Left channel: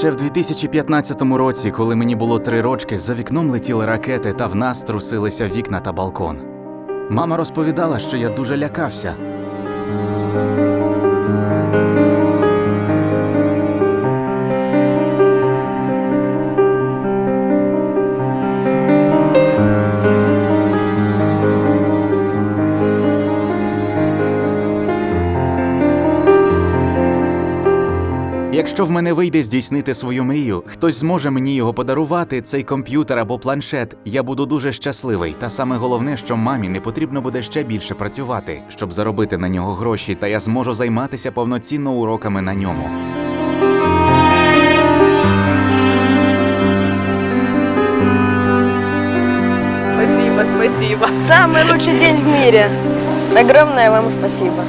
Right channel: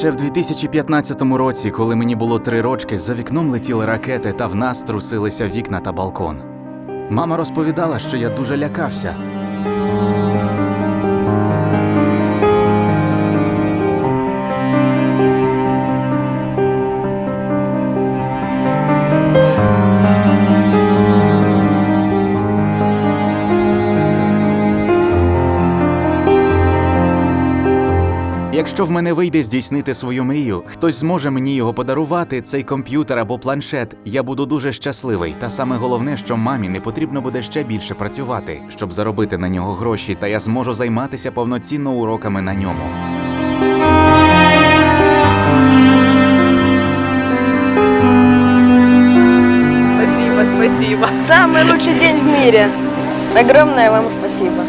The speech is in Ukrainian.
Ще в 2015 році, коли мені було три рочки, за вікном летіли ракети та в нас трусилися вікна та балкон. Мама розповідала, що я дуже лякався. Якщо в мене вийде здійснити свою мрію, хтось зможе мені його подарувати, цей комп'ютер або планшет, я буду дуже щасливий. Та саме головне, що мамі не потрібно буде ще більше працювати, щоб заробити на нього гроші, та я зможу займатися повноцінно уроками на ньому. Спасибо, спасибо. Самый лучший день в мире. Огромное вам спасибо.